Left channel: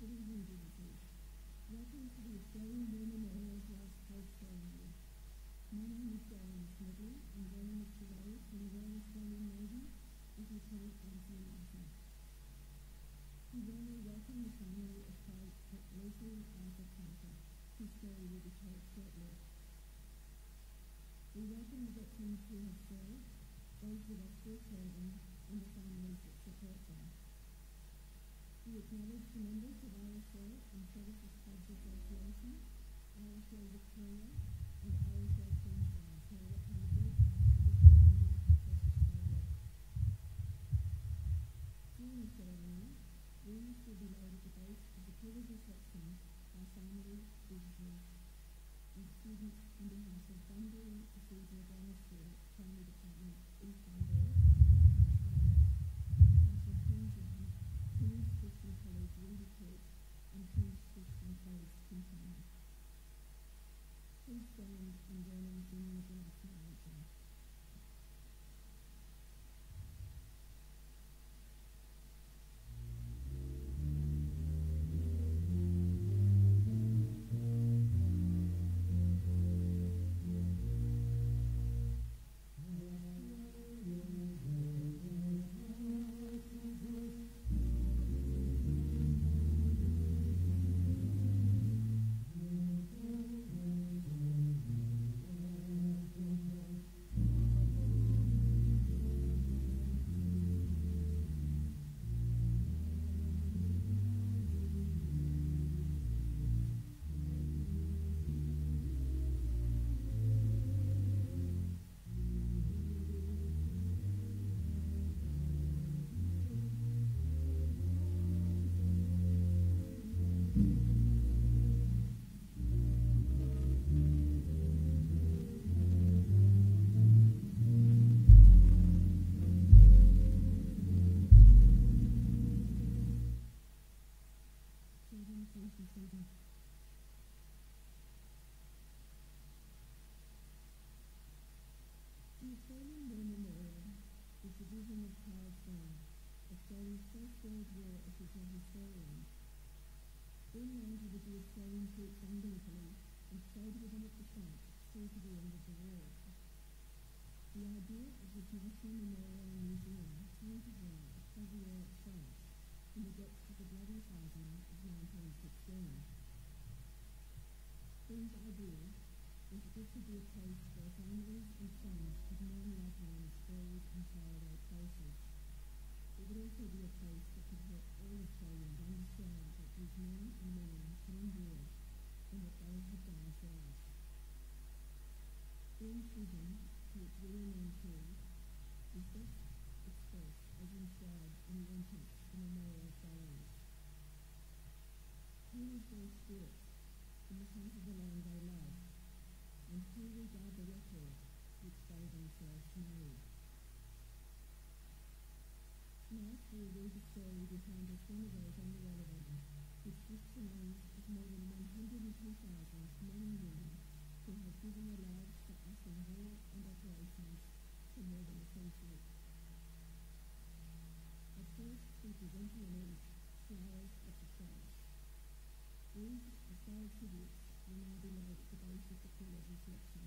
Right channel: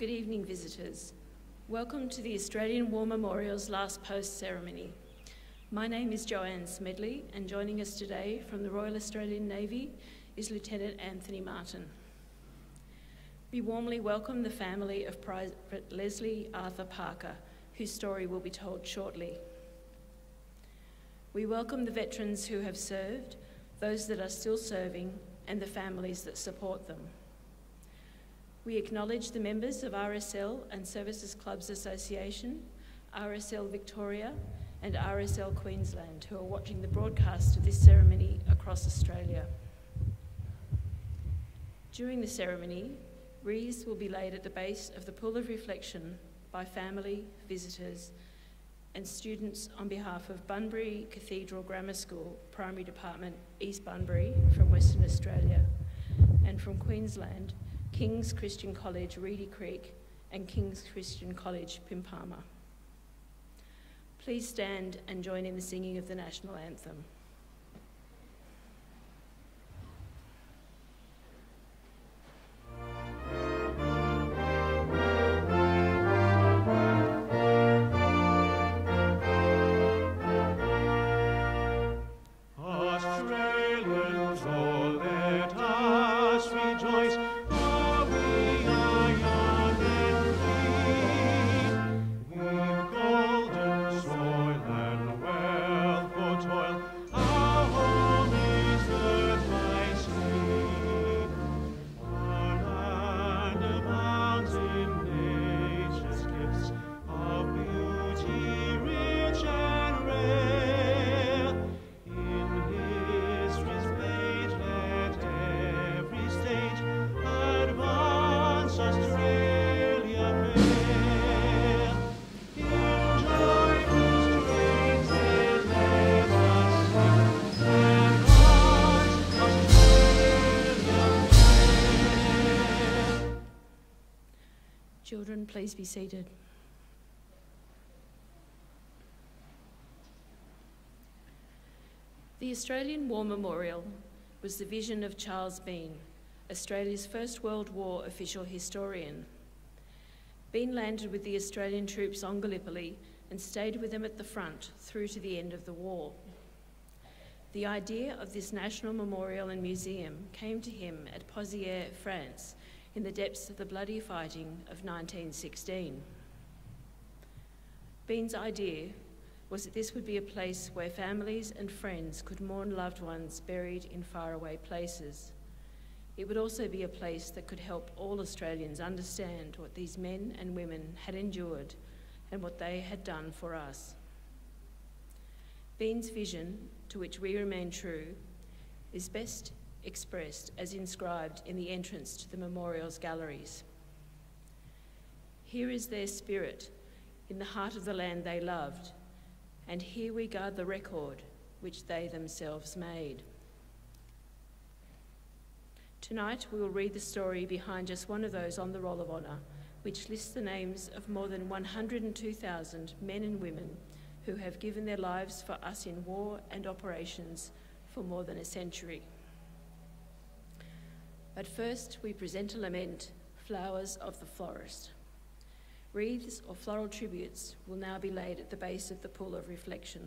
Good evening, visitors. Welcome to the Australian War Memorial's last post ceremony. My name is Joanne Smedley, and joining us today from the Royal Australian Navy is Lieutenant Anthony Martin. We warmly welcome the family of Private Leslie Arthur Parker, whose story will be told shortly. We welcome the veterans who have served, those that are still serving, and the families that support them. We acknowledge the members of RSL and Services Clubs Association, RSL Victoria, and RSL Queensland, who are watching the broadcast of this ceremony across Australia. During the ceremony, wreaths will be laid at the base of the Pool of Reflection by family, visitors, and students on behalf of Bunbury Cathedral Grammar School, Primary Department, East Bunbury, from Western Australia, and from Queensland, King's Christian College, Reedy Creek, and King's Christian College, Pimpama. Please stand and join in the singing of the national anthem. Children, please be seated. The Australian War Memorial was the vision of Charles Bean, Australia's First World War official historian. Bean landed with the Australian troops on Gallipoli and stayed with them at the front through to the end of the war. The idea of this national memorial and museum came to him at Pozières, France, in the depths of the bloody fighting of 1916. Bean's idea was that this would be a place where families and friends could mourn loved ones buried in faraway places. It would also be a place that could help all Australians understand what these men and women had endured and what they had done for us. Bean's vision, to which we remain true, is best expressed as inscribed in the entrance to the memorial's galleries. Here is their spirit in the heart of the land they loved, and here we guard the record which they themselves made. Tonight we will read the story behind just one of those on the Roll of Honour, which lists the names of more than 102,000 men and women who have given their lives for us in war and operations for more than a century. But first, we present a lament, Flowers of the Forest. Wreaths or floral tributes will now be laid at the base of the Pool of Reflection.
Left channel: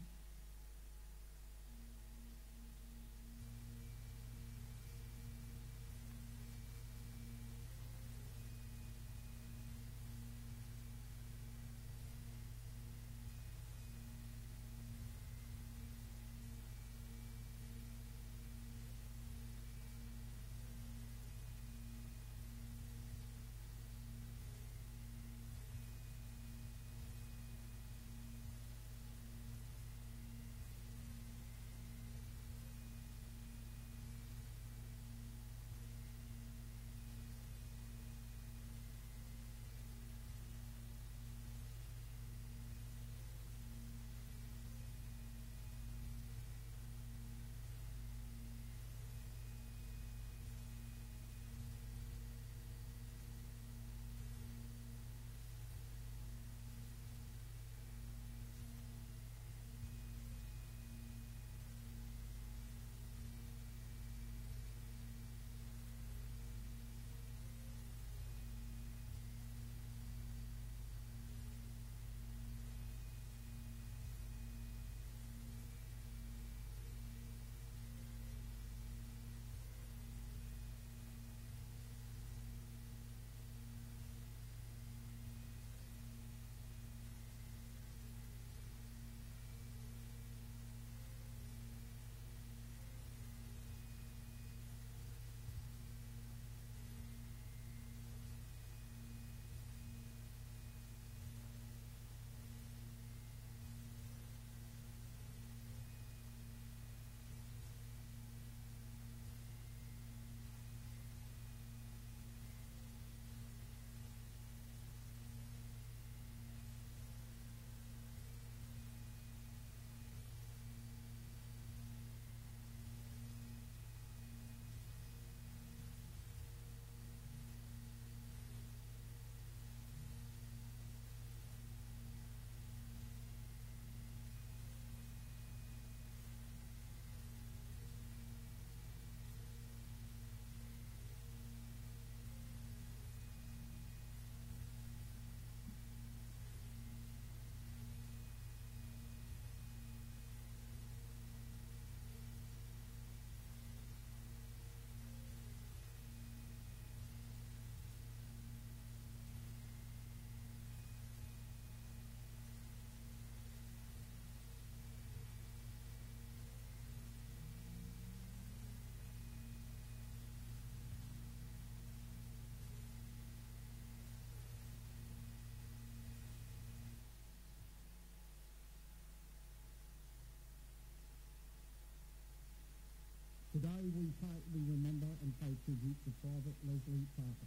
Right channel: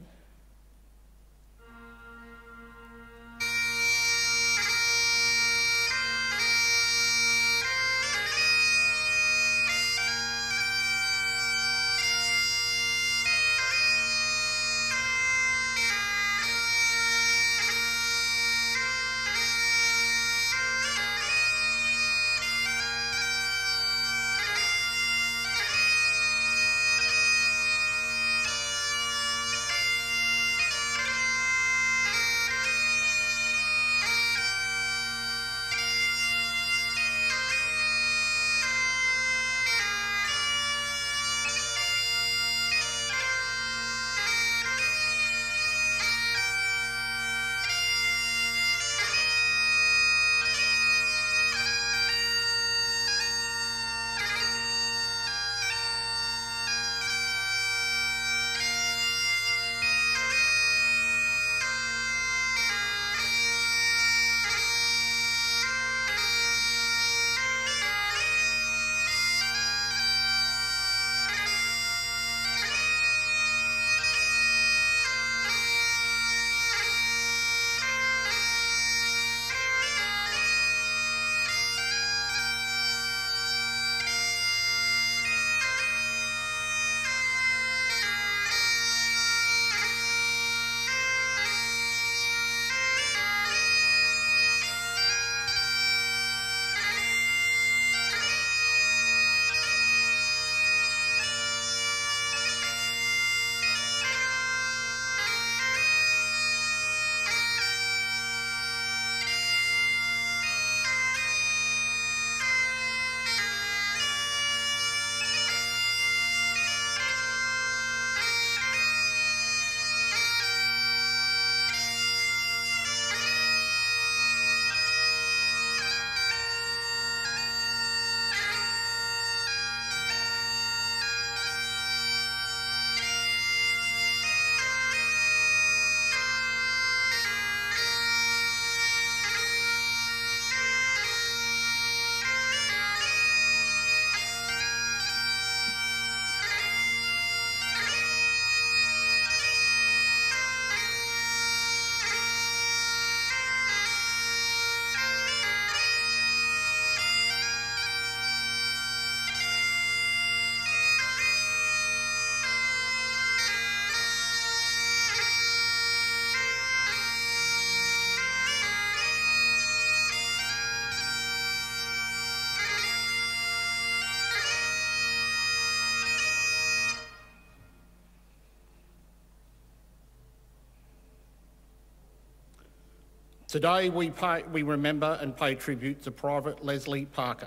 Today we remember and pay tribute to Private Leslie Parker.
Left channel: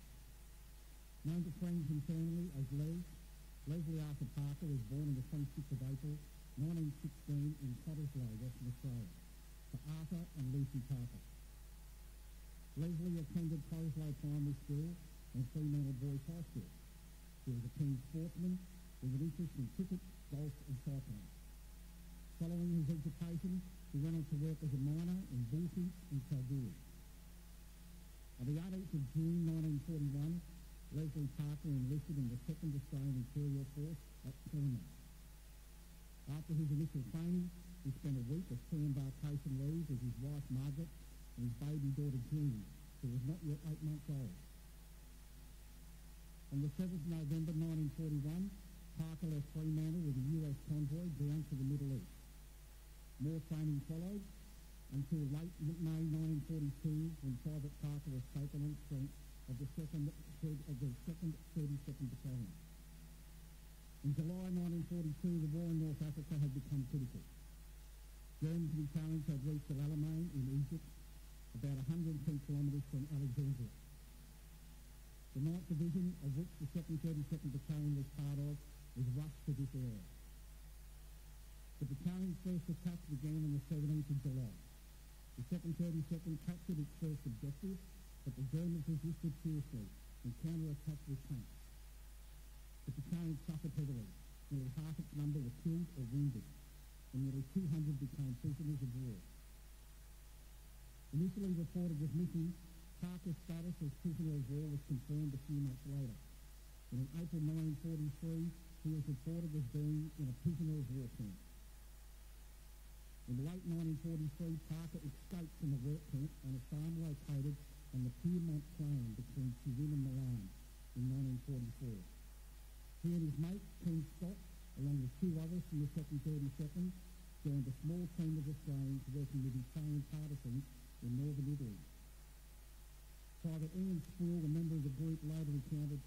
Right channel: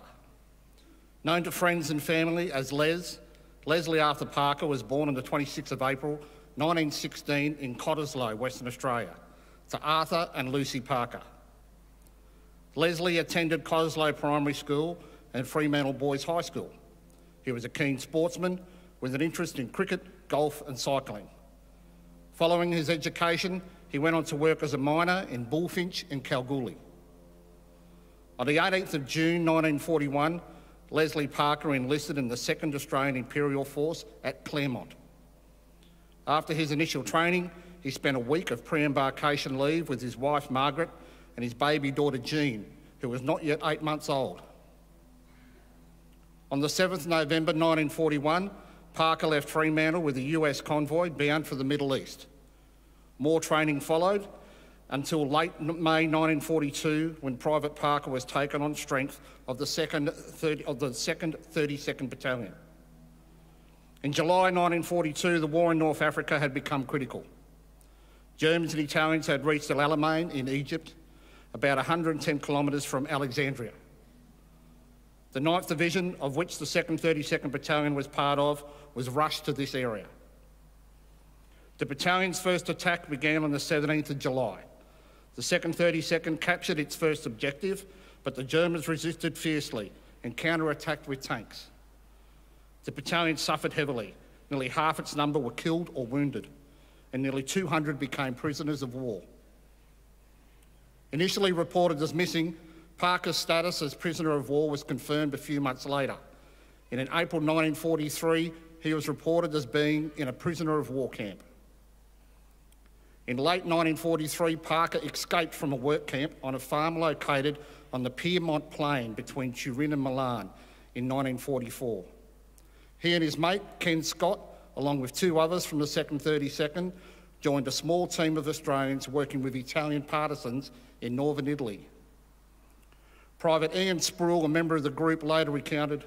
Known to friends and family as Les, Leslie Arthur Parker was born on the 26th of April 1916 in Cottesloe, Western Australia, to Arthur and Lucy Parker. Leslie attended Cottesloe Primary School and Fremantle Boys High School. He was a keen sportsman with an interest in cricket, golf and cycling. Following his education, he went on to work as a miner in Bullfinch and Kalgoorlie. On the 18th of June 1941, Leslie Parker enlisted in the 2nd Australian Imperial Force at Claremont. After his initial training, he spent a week of pre-embarkation leave with his wife Margaret and his baby daughter Jean, who was not yet 8 months old. On the 7th November 1941, Parker left Fremantle with a US convoy bound for the Middle East. More training followed until late May 1942, when Private Parker was taken on strength of the 2nd 32nd Battalion. In July 1942, the war in North Africa had become critical. Germans and Italians had reached El Alamein in Egypt, about 110 kilometres from Alexandria. The 9th Division, of which the 2nd 32nd Battalion was part of, was rushed to this area. The battalion's first attack began on the 17th of July. The 2nd 32nd captured its first objective, but the Germans resisted fiercely and counter-attacked with tanks. The battalion suffered heavily. Nearly half its number were killed or wounded, and nearly 200 became prisoners of war. Initially reported as missing, Parker's status as prisoner of war was confirmed a few months later. In April 1943, he was reported as being in a prisoner of war camp. In late 1943, Parker escaped from a work camp on a farm located on the Piedmont Plain between Turin and Milan in 1944. He and his mate, Ken Scott, along with 2 others from the 2nd 32nd, joined a small team of Australians working with Italian partisans in northern Italy. Private Ian Sproul, a member of the group, later recounted,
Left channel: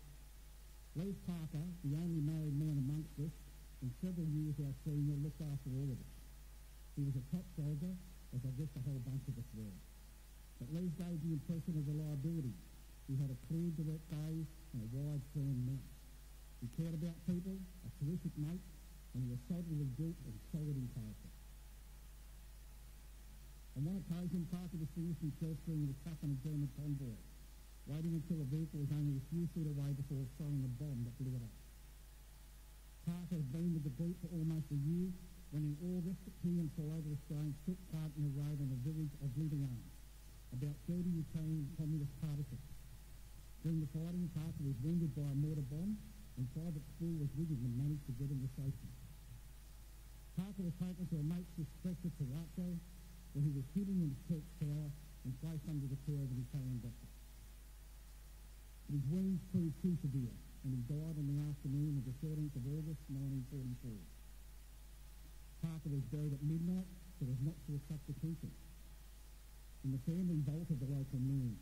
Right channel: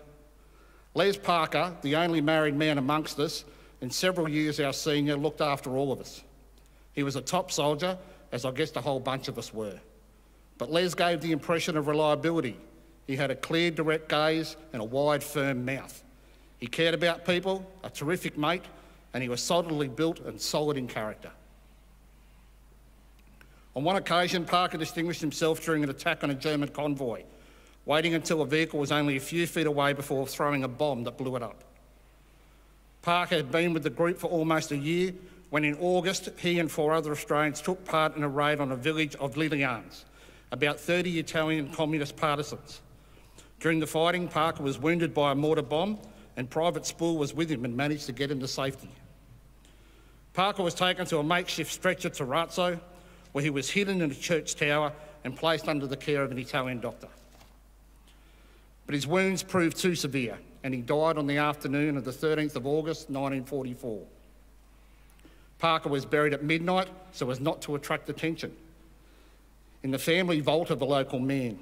"Les Parker, the only married man amongst us, and several years our senior, looked after all of us. He was a top soldier, as I guess the whole bunch of us were. But Les gave the impression of reliability. He had a clear, direct gaze and a wide, firm mouth. He cared about people, a terrific mate, and he was solidly built and solid in character." On one occasion, Parker distinguished himself during an attack on a German convoy, waiting until a vehicle was only a few feet away before throwing a bomb that blew it up. Parker had been with the group for almost a year when in August he and 4 other Australians took part in a raid on a village of Lilians, about 30 Italian communist partisans. During the fighting, Parker was wounded by a mortar bomb and Private Sproul was with him and managed to get him to safety. Parker was taken to a makeshift stretcher to Razzo, where he was hidden in a church tower and placed under the care of an Italian doctor. But his wounds proved too severe and he died on the afternoon of the 13th of August 1944. Parker was buried at midnight so as not to attract attention. In the family vault of the local man,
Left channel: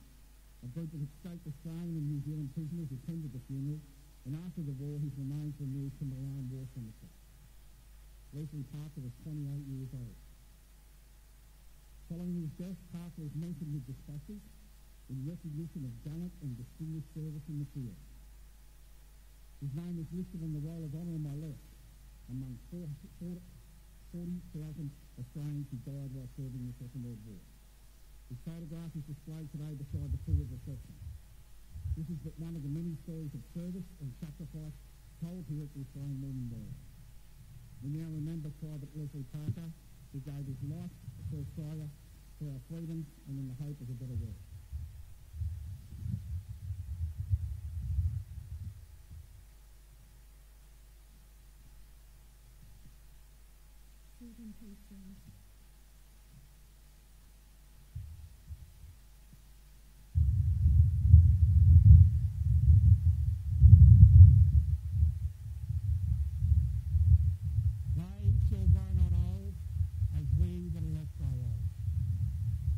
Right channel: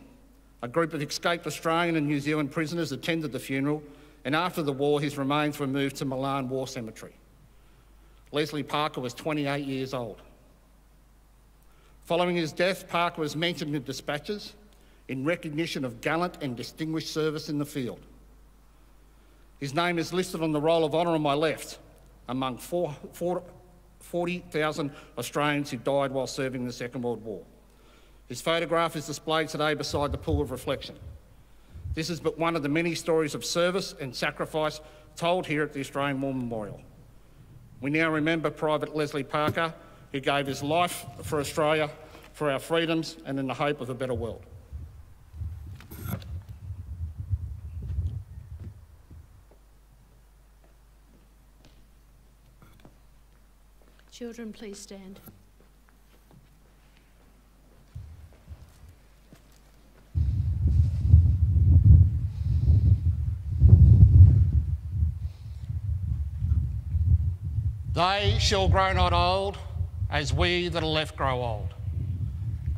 a group of escaped Australian and New Zealand prisoners attended the funeral, and after the war his remains were moved to Milan War Cemetery. Leslie Parker was 28 years old. Following his death, Parker was mentioned in dispatches in recognition of gallant and distinguished service in the field. His name is listed on the Roll of Honour on my left, among 40,000 Australians who died while serving in the Second World War. His photograph is displayed today beside the pool of reflection. This is but one of the many stories of service and sacrifice told here at the Australian War Memorial. We now remember Private Leslie Parker, who gave his life for Australia, for our freedoms and in the hope of a better world. Children, please stand. They shall grow not old, as we that are left grow old.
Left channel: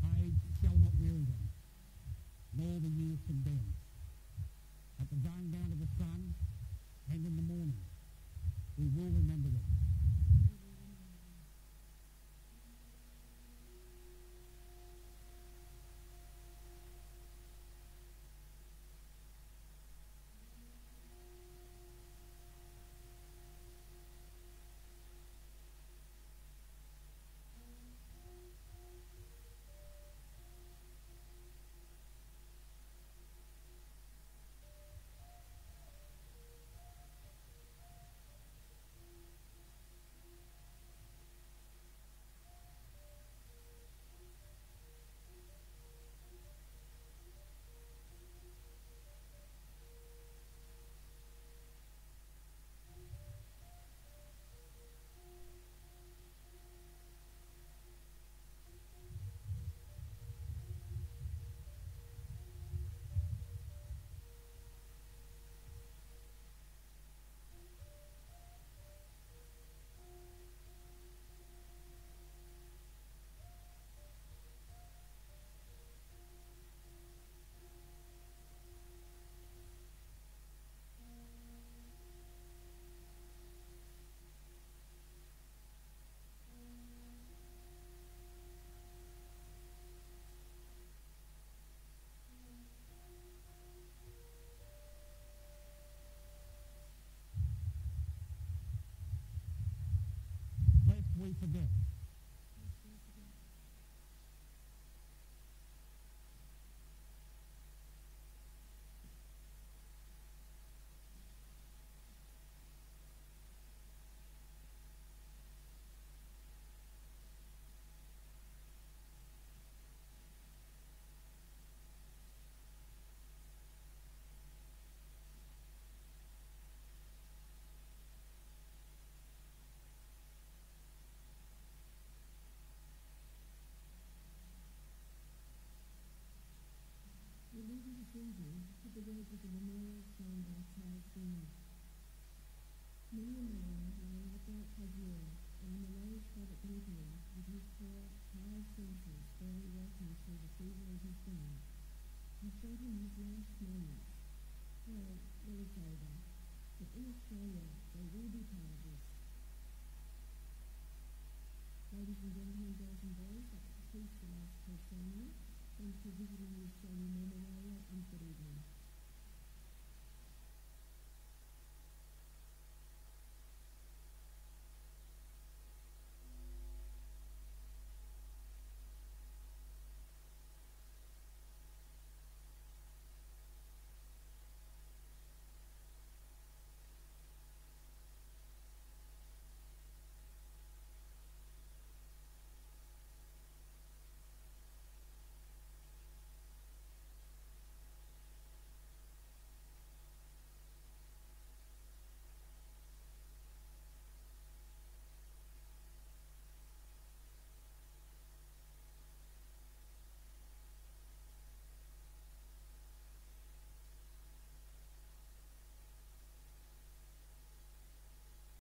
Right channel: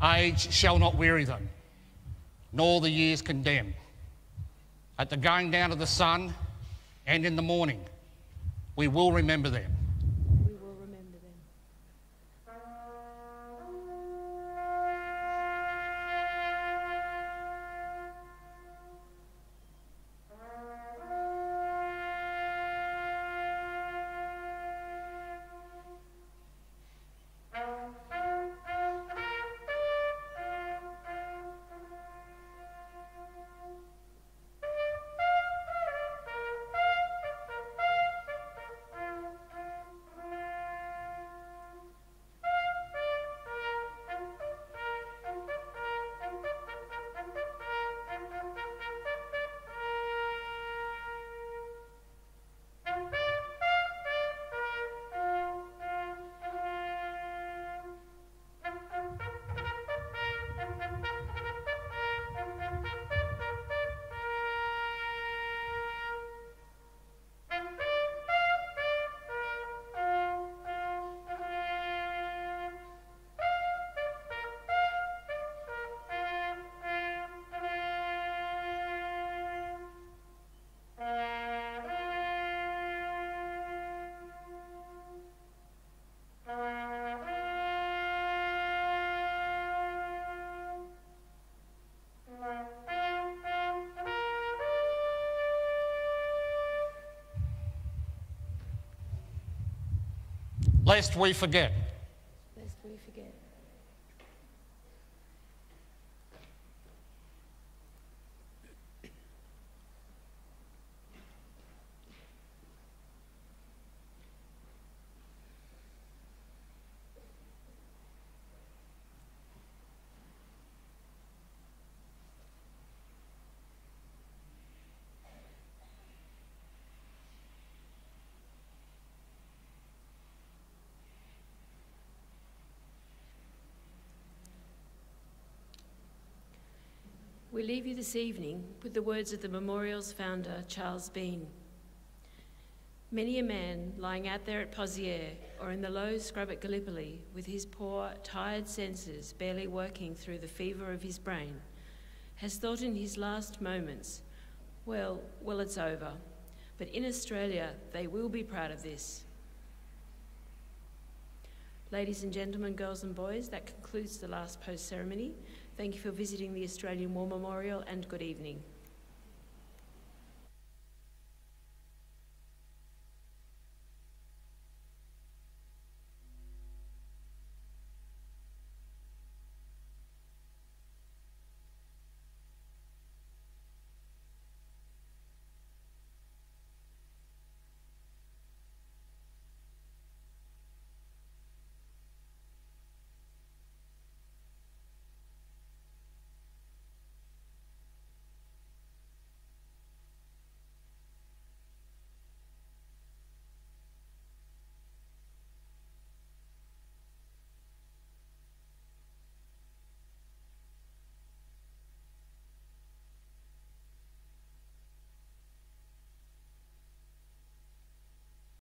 Age shall not weary them, nor the years condemn. At the going down of the sun and in the morning, we will remember them. We will remember them. lest we forget. Lest we forget. We leave you this evening with the words of the memorial's founder, Charles Bean. Many a man lying out there at Poziere or in the low scrub at Gallipoli with his poor, tired senses barely working through the fever of his brain has thought in his last moments, well, it's over. But in Australia, they will be proud of this. Ladies and gentlemen, girls and boys, that concludes the last post ceremony. Thank you for visiting the Australian War Memorial and good evening.